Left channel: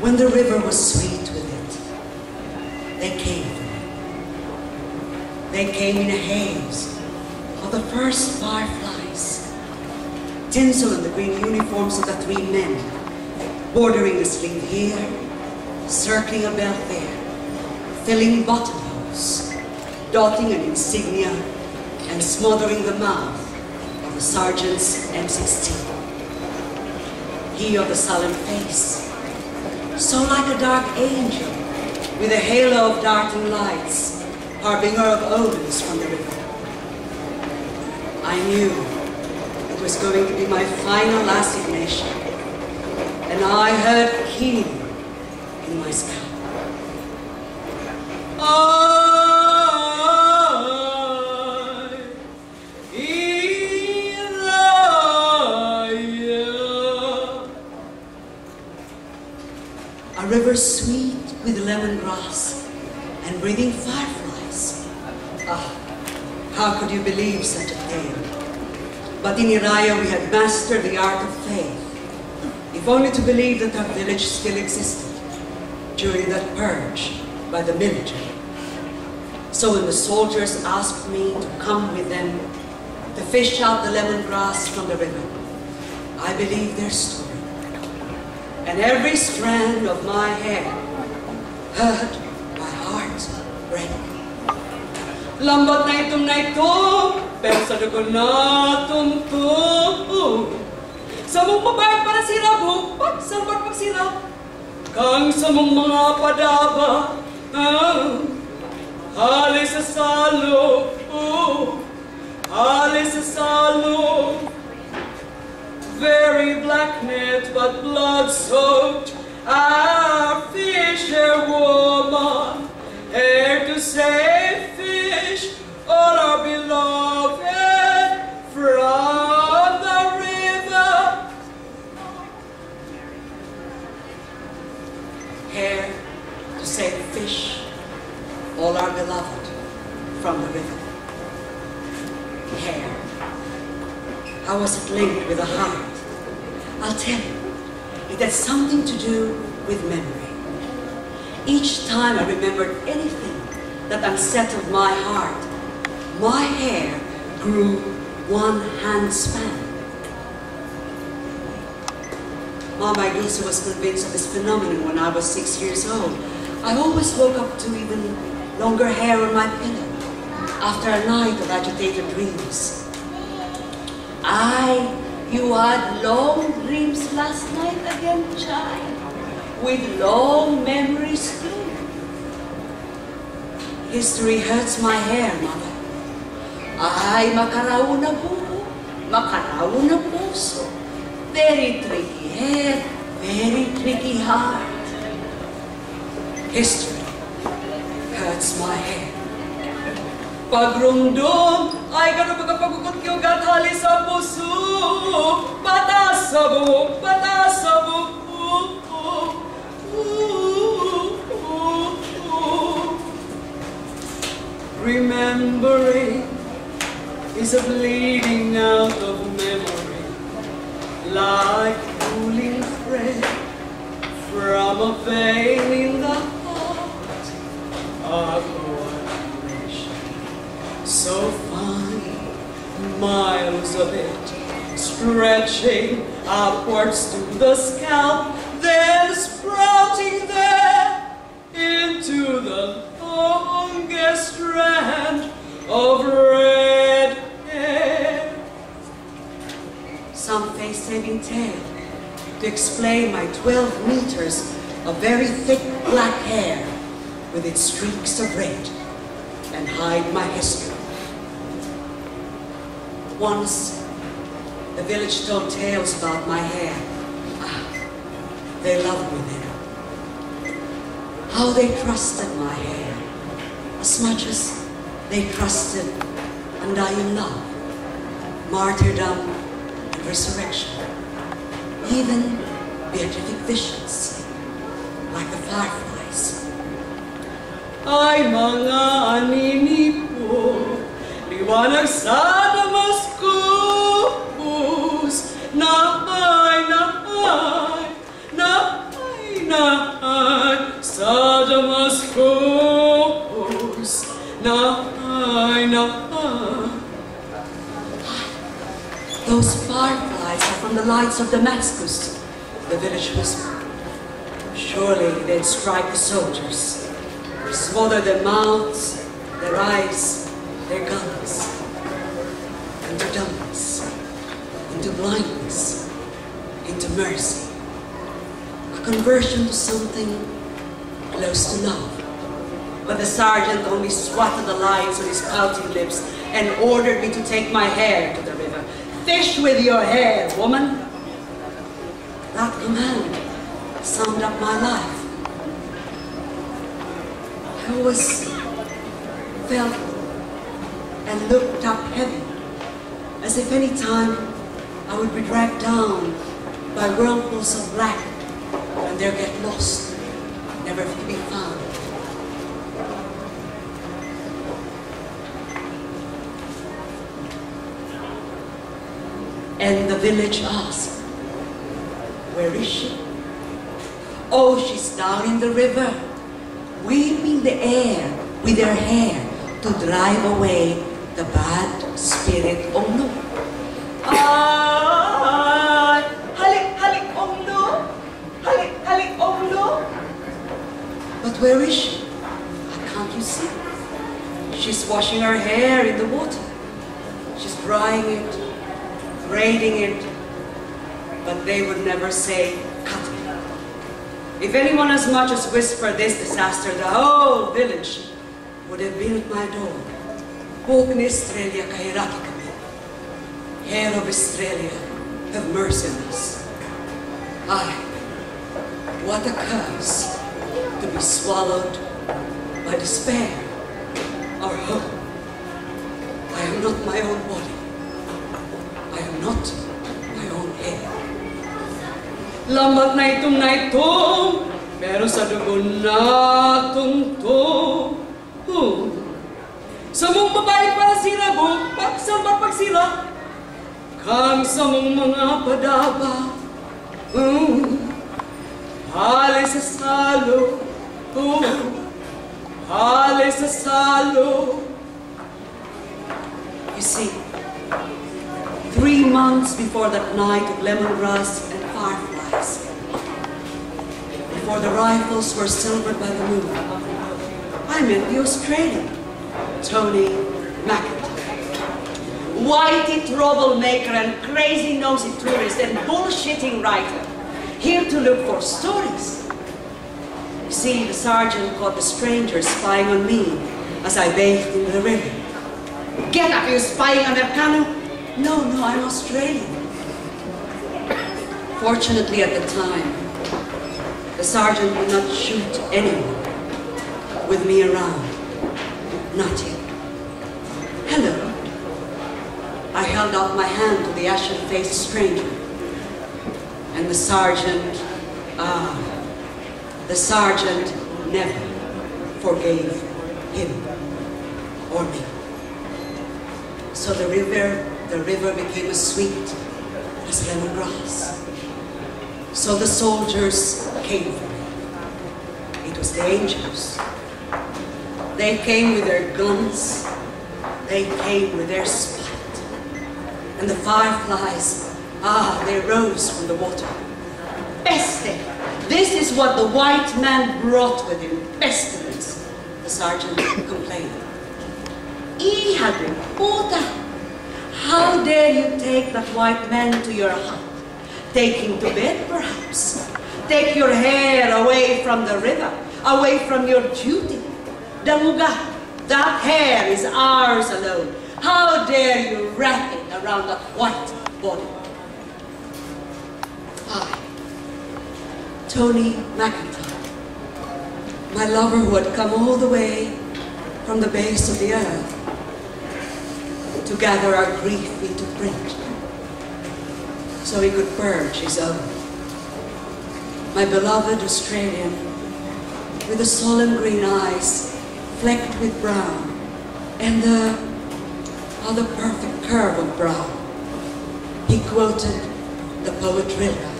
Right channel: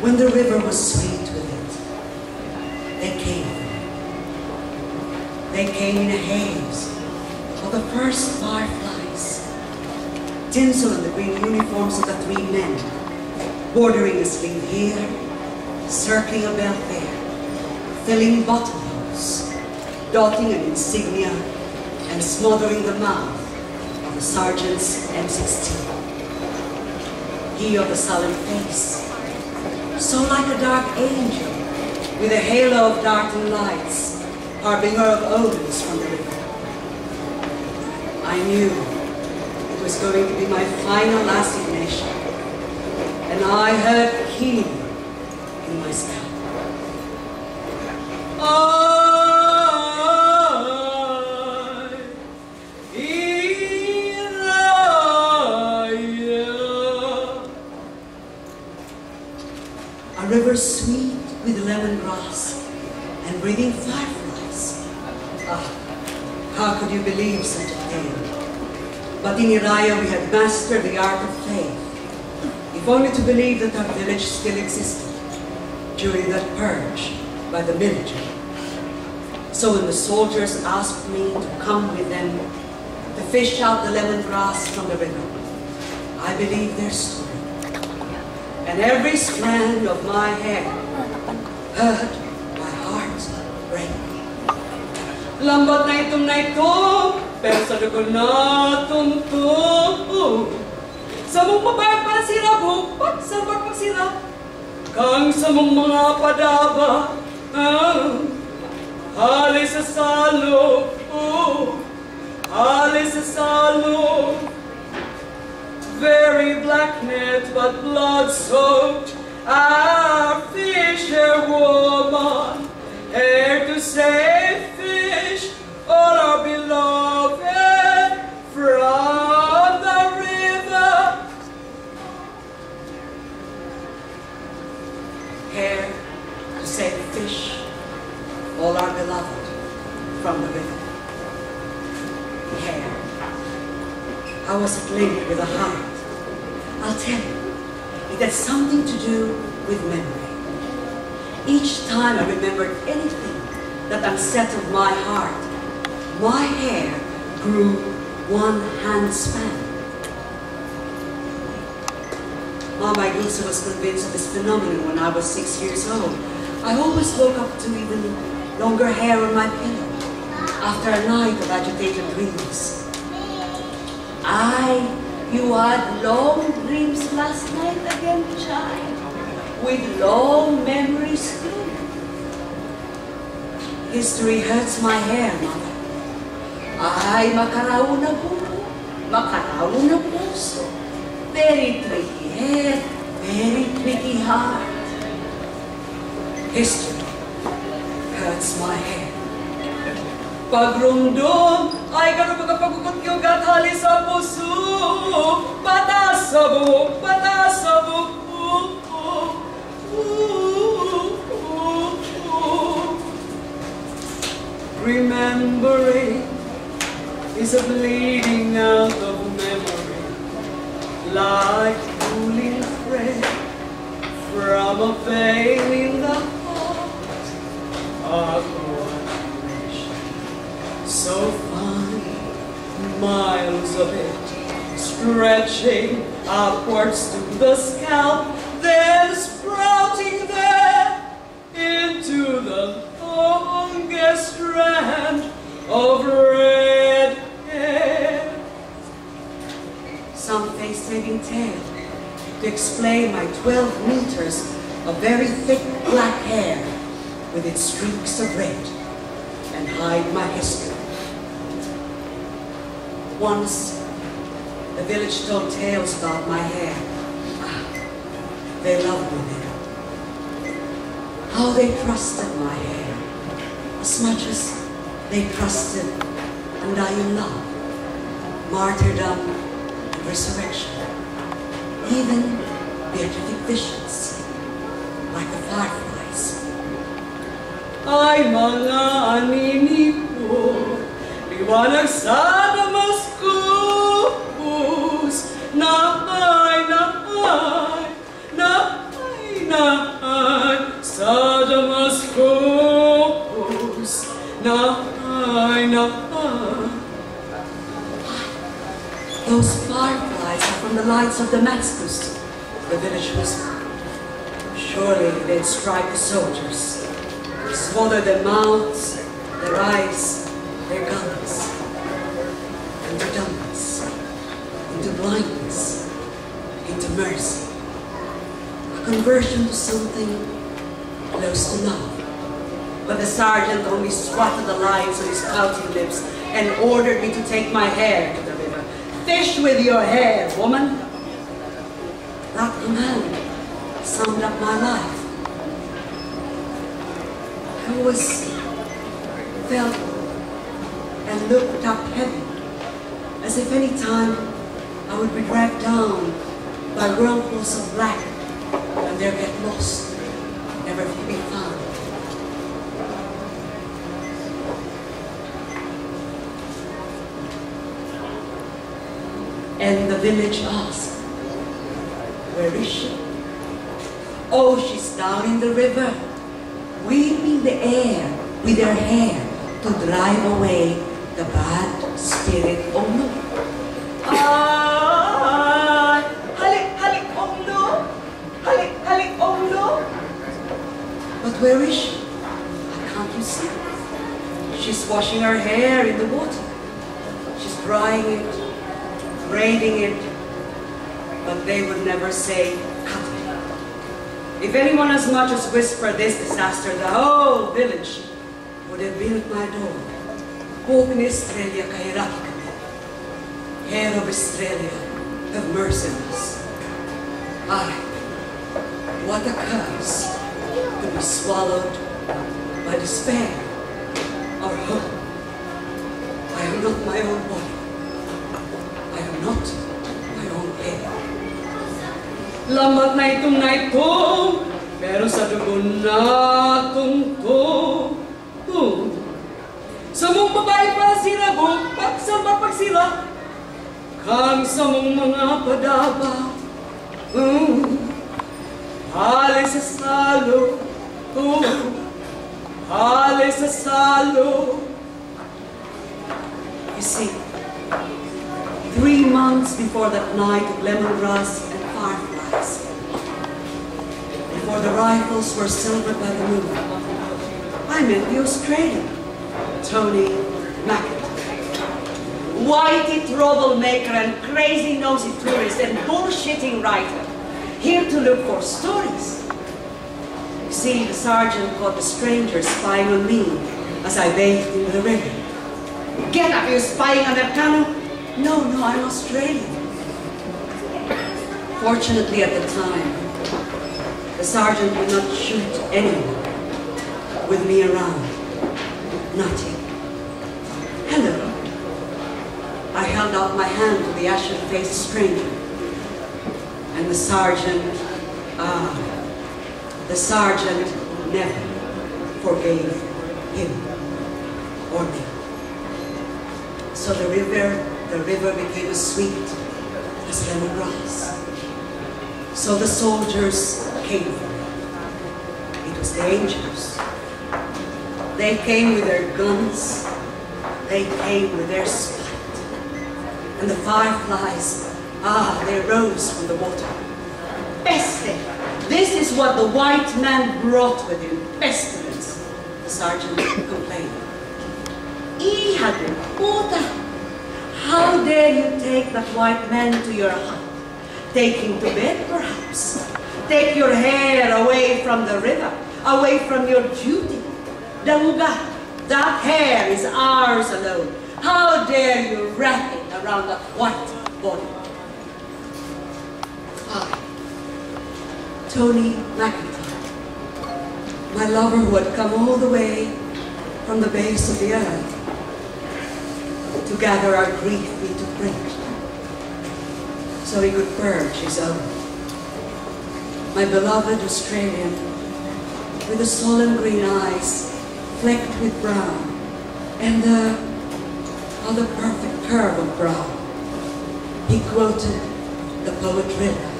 when the river was sweet with it, they came. They came in a haze of the first fireflies, tinsel in the green uniforms of the three men, bordering a sleeve here, circling a belt there, filling buttonholes, dotting an insignia, and smothering the mouth of the sergeant's M16. He of the sullen face, so like a dark angel, with a halo of darting lights, harbinger of omens from the river. I knew it was going to be my final assignation, and I heard keenly in my scalp. A river sweet with lemongrass and breathing fireflies. Ah, how could you believe such a tale? But in Iraya we had mastered the art of faith, if only to believe that our village still existed during that purge by the military. So when the soldiers asked me to come with them to fish out the lemongrass from the river, I believed their story. And every strand of my hair heard my heart break. Lambat na ito, pero sa dugo na tumto. Sa mong mabayag para sila, bupat sa pagsira. Kang sa mong mga padaba, halis sa salo, halis sa salo. Very black net, but blood-soaked, our fisherwoman, here to save fish, all our beloved from the river. Here to save fish, all our beloved from the river. Here. How was it linked with the heart? I'll tell you, it had something to do with memory. Each time I remembered anything that unsettled my heart, my hair grew one hand span. Mama Dulce was convinced of this phenomenon when I was 6 years old. I always woke up to even longer hair on my pillow after a night of agitated dreams. You had long dreams last night again, child, with long memories too. History hurts my hair, Mother. Ay, makaraw na buho, makaraw na puso. Very tricky hair, very tricky heart. History hurts my hair. Pagrumdum ay gano'n magpagukot yung gathali sa puso. Patas sa buhok, patas sa buhok. Remembering is a bleeding out of memory, like pulling thread from a vein in the heart of so fine, miles of it, stretching upwards to the scalp, then sprouting there into the longest strand of red hair. Some face-saving tale to explain my 12 meters of very thick black hair with its streaks of red and hide my history. Once, the village told tales about my hair. They loved me there. How they trusted my hair, as much as they trusted undying love, martyrdom, and resurrection. Even beatific visions, like the fireflies. Ay mga anini po, liwanag sa Damascus, na ay, na ay, na ay, na Those fireflies are from the lights of Damascus, the village whispered. Surely they'd strike the soldiers, smother their mouths, their eyes, their guns, into dumbness, into blindness, into mercy. A conversion to something close to love. But the sergeant only swatted the lines on his pouting lips and ordered me to take my hair to the river. Fish with your hair, woman. That command summed up my life. I always felt and looked up heaven, as if any time I would be dragged down by whirlpools of black and there get lost, never to be found. And the village asked, where is she? Oh, she's down in the river, weeping the air with her hair to drive away the bad spirit. Oh no. Halik, oh no. Halik, oh no. But where is she? Can't you see? She's washing her hair in the water. She's drying it, braiding it, but they would never say, cut it. If anyone as much as whispered this disaster, the whole village would have been at my door. Walk in Australia, kahiraki kami. Hair of Australia, have mercy on us. Ay, what a curse to be swallowed by despair or hope. I am not my own body. I am not my own hair. Lambat na itong, pero sa dugo na tungtong. Sa mong babae para sila, pagsamba pagsila, kang sa mong mga padaba. Hali sa salo, hali sa salo. You see, 3 months before that night of lemongrass and fireflies, before the rifles were silvered by the moon, I met the Australian, Tony McIntyre. Whitey troublemaker and crazy-nosy tourist and bullshitting writer, here to look for stories. You see, the sergeant caught the stranger spying on me as I bathed in the river. Get up, you spying on that canoe? No, I'm Australian. Fortunately, at the time, the sergeant would not shoot anyone with me around. Not yet. Hello. I held out my hand to the ashen-faced stranger. And the sergeant never forgave him or me. So the river became as sweet as lemongrass. So the soldiers came for me. It was the angels. They came with their guns. They came with their spite. And the fireflies, they rose from the water. Peste! This is what the white man brought with him. Pestilence, the sergeant complained. Hija de puta! How dare you take that white man to your hut? Take him to bed, perhaps. Take your hair away from the river, away from your duty. Damuga, that hair is ours alone. How dare you wrap it around that white body? I, Tony McIntyre, my lover who had come all the way from the base of the earth to gather our grief into print, so he could purge his own. My beloved Australian, with the solemn green eyes flecked with brown, and the other perfect curve of brow, he quoted the poet Rilke,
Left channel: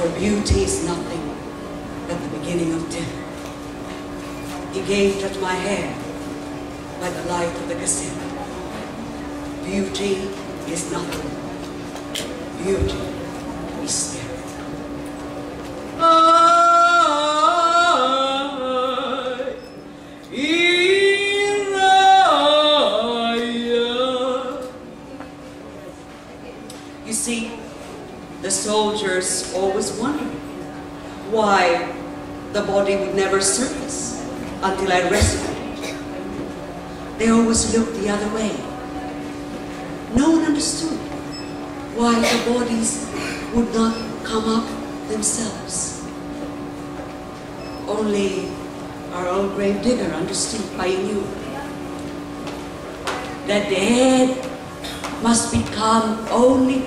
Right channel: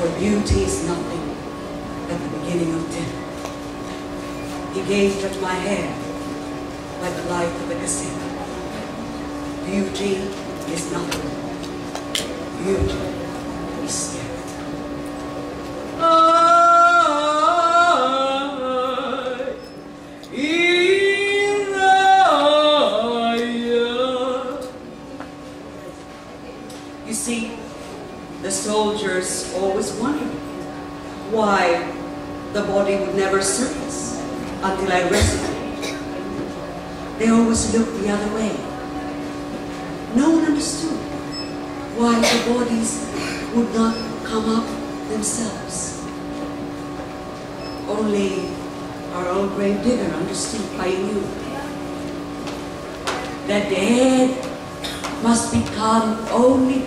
for beauty is nothing but the beginning of dinner. He gazed at my hair by the light of the casino. Beauty is nothing beauty is there. You see, the soldiers always wondered why the body would never surface until I rescued it. They always looked the other way. No one understood why the bodies would not come up themselves. Only our old grave digger understood. I knew. The dead must become only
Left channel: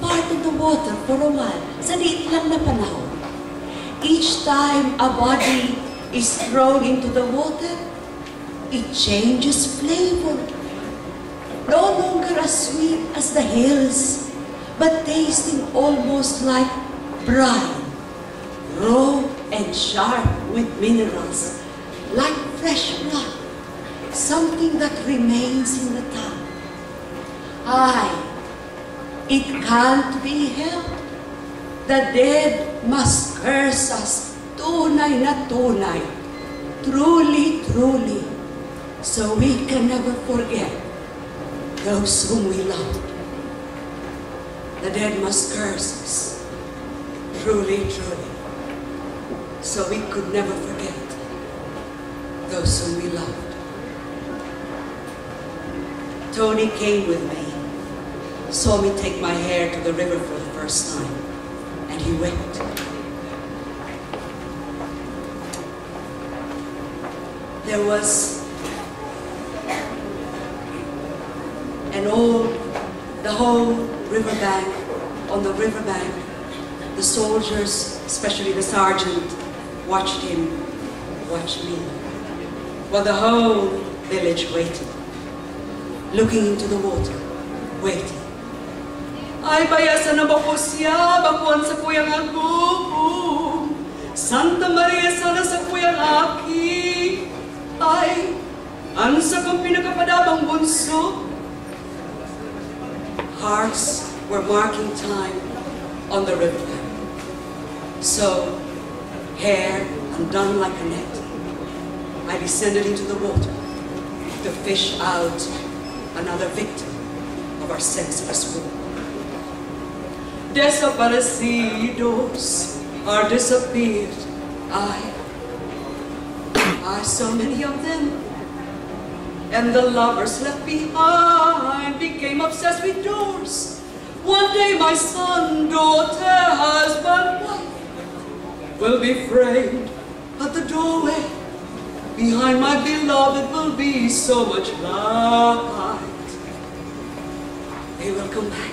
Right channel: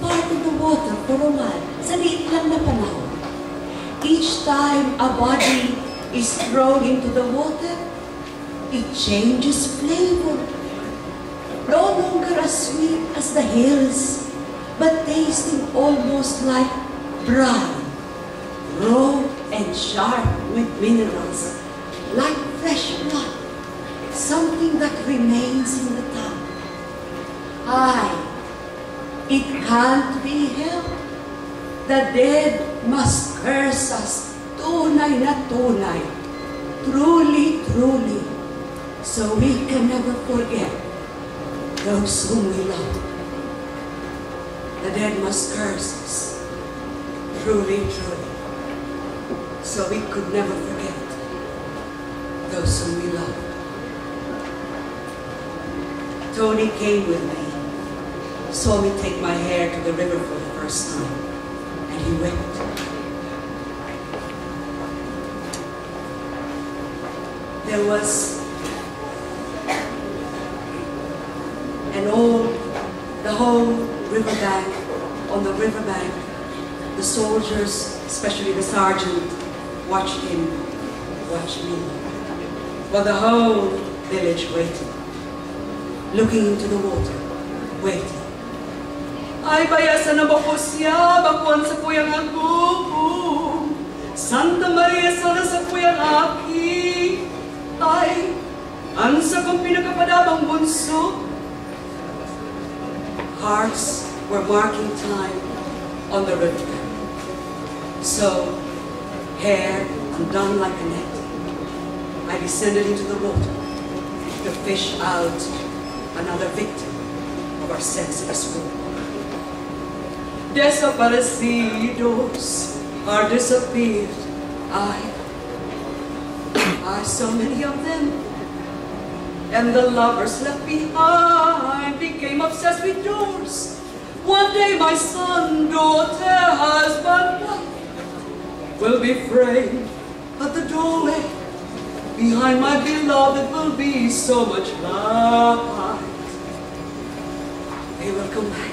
part of the water for a while, sa liit lang na panahon. Each time a body is thrown into the water, it changes flavor. No longer as sweet as the hills, but tasting almost like brine, raw and sharp with minerals, like fresh blood, something that remains in the tongue. It can't be helped. The dead must curse us, tunay na tunay, truly, truly, so we can never forget those whom we love. The dead must curse us, truly, truly, so we could never forget those whom we loved. Tony came with me, saw me take my hair to the river for the first time, and he wept. There was the whole riverbank, on the riverbank, the soldiers, especially the sergeant, watched him, watched me, while the whole village waited, looking into the water, waiting. Ay, bayasan na ba po siya, bakuan sa kuyang agum, Santa Maria sana sa kuyang aki, ay, ansa kong pinakapadabang bunso. Hearts were marking time on the riverbank. So, hair undone like a net, I descended into the water to fish out another victim of our senseless war. Desaparecidos are disappeared. I so many of them. And the lovers left behind became obsessed with doors. One day my son, daughter, husband, wife will be framed at the doorway. Behind my beloved will be so much light. They will come back